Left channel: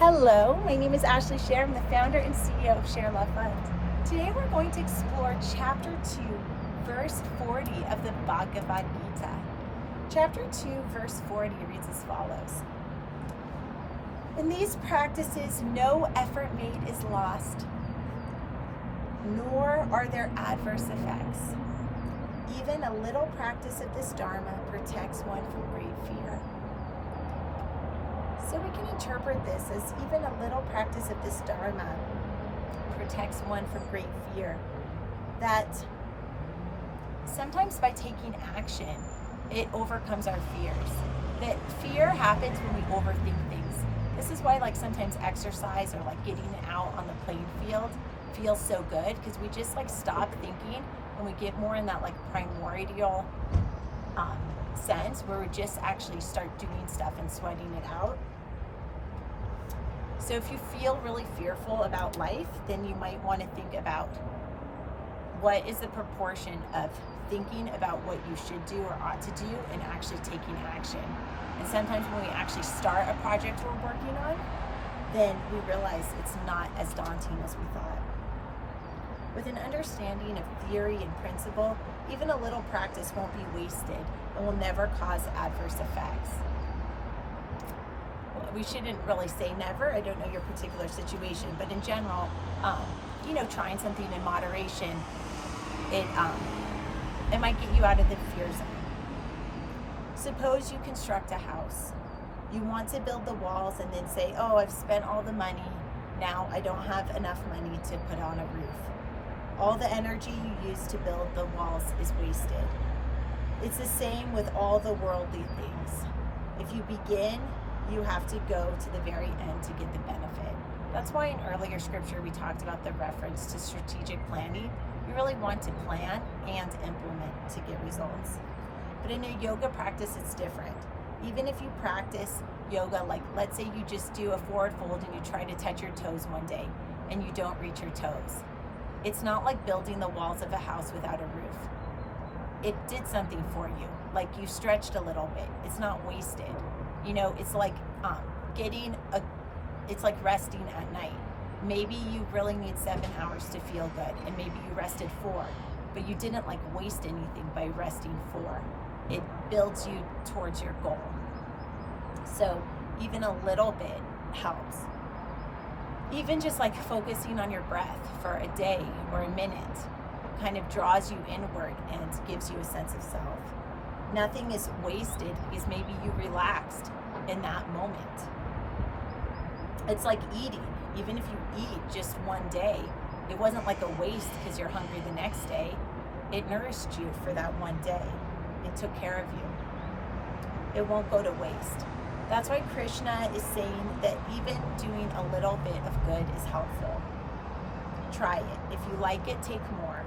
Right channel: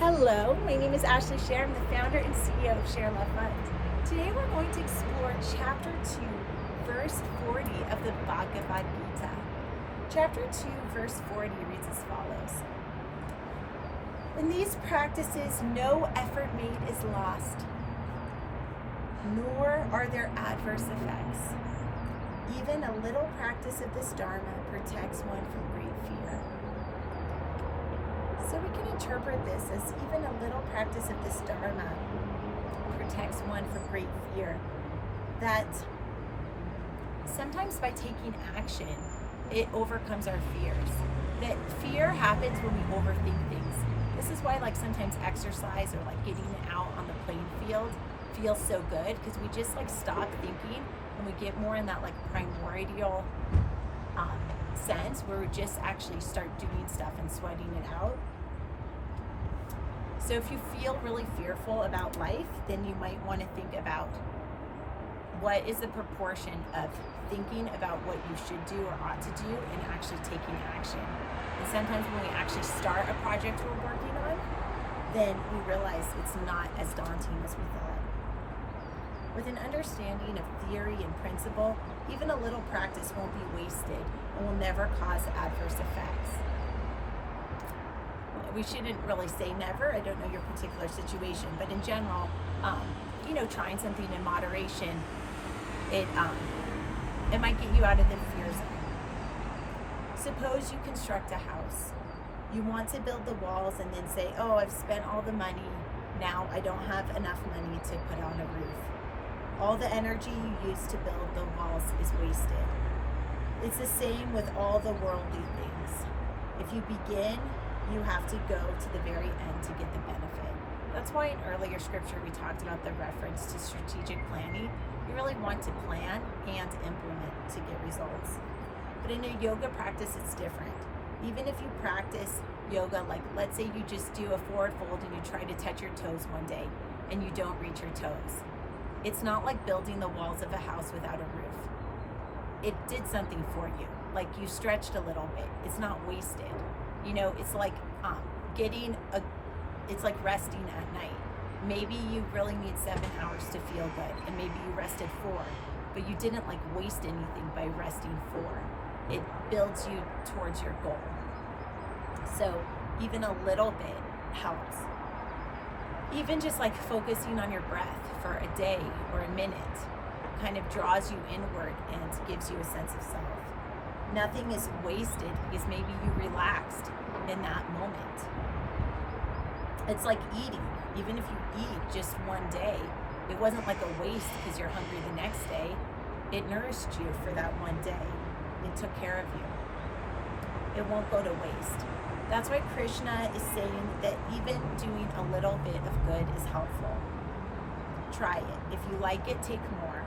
Hello, my name is Ashley Scher. I'm the founder and CEO of Share Love Fund. Today we're going to explore Chapter 2, Verse 40 of the Bhagavad Gita. Chapter 2, Verse 40 reads as follows. In these practices, no effort made is lost, nor are there adverse effects. Even a little practice of this Dharma protects one from great fear. So we can interpret this as even a little practice of this Dharma protects one from great fear. That sometimes by taking action, it overcomes our fears. That fear happens when we overthink things. This is why sometimes exercise or getting out on the playing field feels so good, because we just stop thinking and we get more in that primordial sense where we just actually start doing stuff and sweating it out. So if you feel really fearful about life, then you might want to think about what is the proportion of thinking about what you should do or ought to do and actually taking action. And sometimes when we actually start a project we're working on, then we realize it's not as daunting as we thought. With an understanding of theory and principle, even a little practice won't be wasted and will never cause adverse effects. We shouldn't really say never. I don't know your particular situation, but in general, trying something in moderation, it might get you out of the fear zone. Suppose you construct a house. You want to build the walls and then say, oh, I've spent all the money. Now I don't have enough money to put on a roof. All the energy you used to build the walls is wasted. It's the same with all the worldly things. If you begin, you have to go to the very end to get the benefit. That's why in earlier scripture we talked about the reference to strategic planning. You really want to plan and implement to get results. But in a yoga practice, it's different. Even if you practice yoga, let's say you just do a forward fold and you try to touch your toes one day and you don't reach your toes. It's not like building the walls of a house without a roof. It did something for you. You stretched a little bit. It's not wasted. It's it's like resting at night. Maybe you really need 7 hours to feel good, and maybe you rested 4, but you didn't waste anything by resting 4. It builds you towards your goal. So even a little bit helps. Even just focusing on your breath for a day or a minute kind of draws you inward and gives you a sense of self. Nothing is wasted because maybe you relaxed in that moment. It's like eating. Even if you eat just one day, it wasn't a waste because you're hungry the next day. It nourished you for that one day. It took care of you. It won't go to waste. That's why Krishna is saying that even doing a little bit of good is helpful. Try it. If you like it, take more.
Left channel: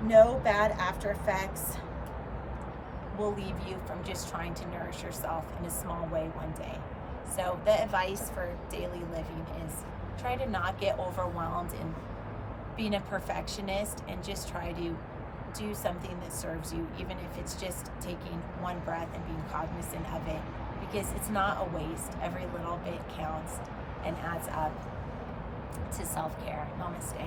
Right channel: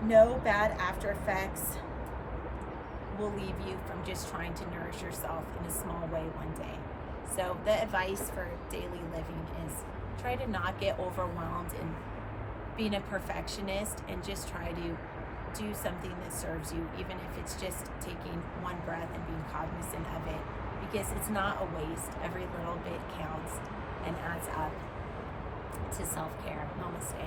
No bad after effects will leave you from just trying to nourish yourself in a small way one day. So the advice for daily living is try to not get overwhelmed in being a perfectionist and just try to do something that serves you, even if it's just taking one breath and being cognizant of it, because it's not a waste. Every little bit counts and adds up to self-care. Namaste.